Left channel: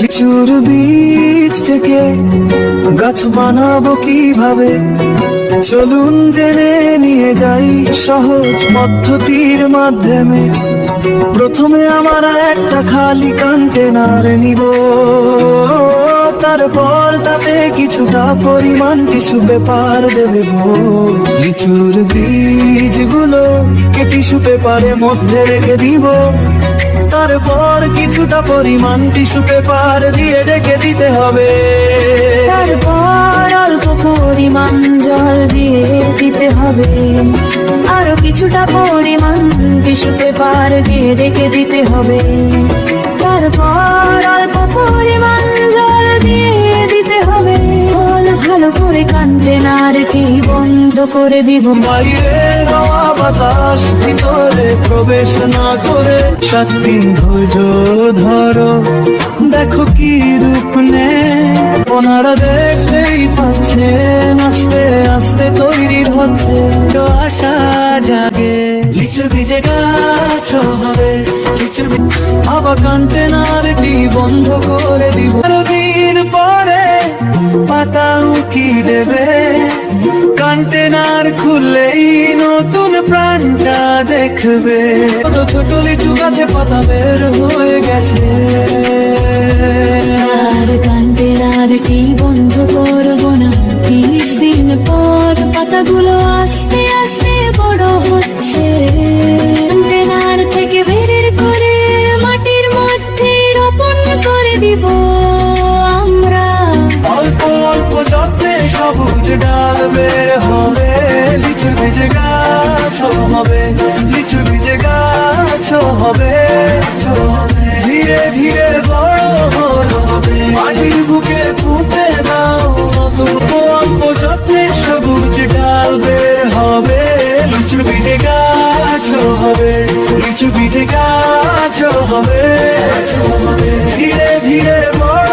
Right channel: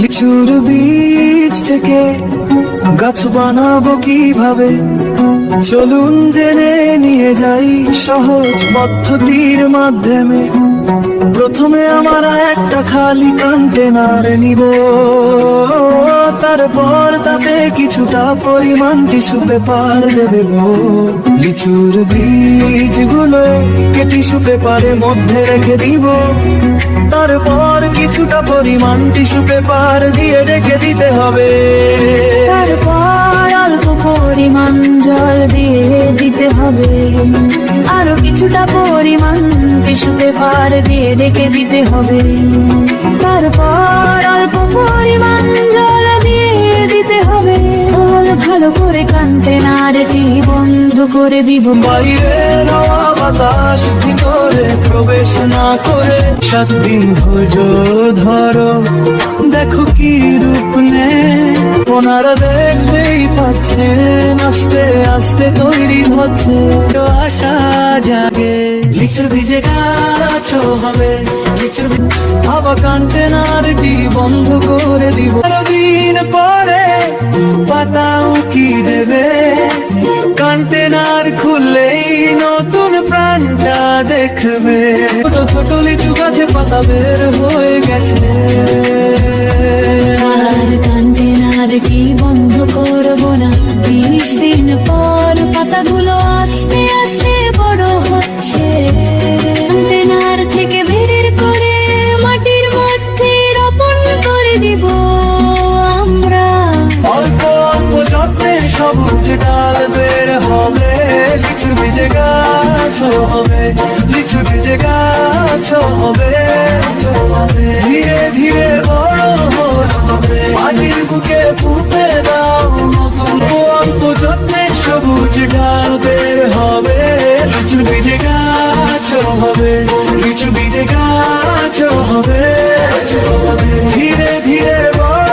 লিচুর বীজ থেকে গাছ বানাবো কিভাবে, চলুন জেনে নিয়ে যাই সহজ পদ্ধতির মাধ্যমে। প্রথমে আমার একটা খালি কন্টেনার নিব, তারপর তাতে কিছুটা পরিমাণ টিস্যু পেপার দেব। লিচুর বীজগুলো টিস্যু পেপারের মধ্যে রেখে দিব, তারপর কিছুটা পরিমাণ টিস্যু পেপার দিয়ে রেখে দিতে হবে। তারপর অল্প পরিমাণ জল দিয়ে দিতে হবে, আরো কিছুটা পরিমাণ টিস্যু পেপার দিয়ে রেখে দিতে হবে। তারপর অল্প পরিমাণ জল দিয়ে দিতে হবে, ভালো করে কন্টেনারটি বন্ধ করে দিব। বাইরে হাওয়া বাতাস ভিতরে প্রবেশ না করে 7 দিন ধৈর্য ধরো, দেখো কি রূপ নেয়। ওনারা দেখতেই পাচ্ছেন আস্তে আস্তে তৈরি হচ্ছে, তো আশা জাগে লিচুর বীজে গাছ হবে। লিচুর আবার কন্টেনারটি বন্ধ করে দিব। দিন পরে পাতাও কি দেবে, কন্টেনার খুললেই নতুন প্রাণটা দেখবে। ছোট লিচু গাছে পাতা বের হয়ে গেছে, আর কন্টেনারটি বন্ধ করব না। 30 দিন পর পাতাগুলো আস্তে আস্তে বড় হচ্ছে। কন্টেনার থেকে বের করে মাটির মধ্যে রোপণ করে দিব আমরা। অল্প অল্প যত্নে সবুজ ডাল বের হবে, লিচু বীজে গাছ হবে। লিচু বীজে গাছ হবে, ধীরে ধীরে বড় হবে। মাটির বুকে পুঁতে দাও নতুন, অল্প যত্নে সবুজ ডাল বের হবে। লিচু বীজে গাছ হবে, লিচু বীজে গাছ হবে, ধীরে ধীরে বড়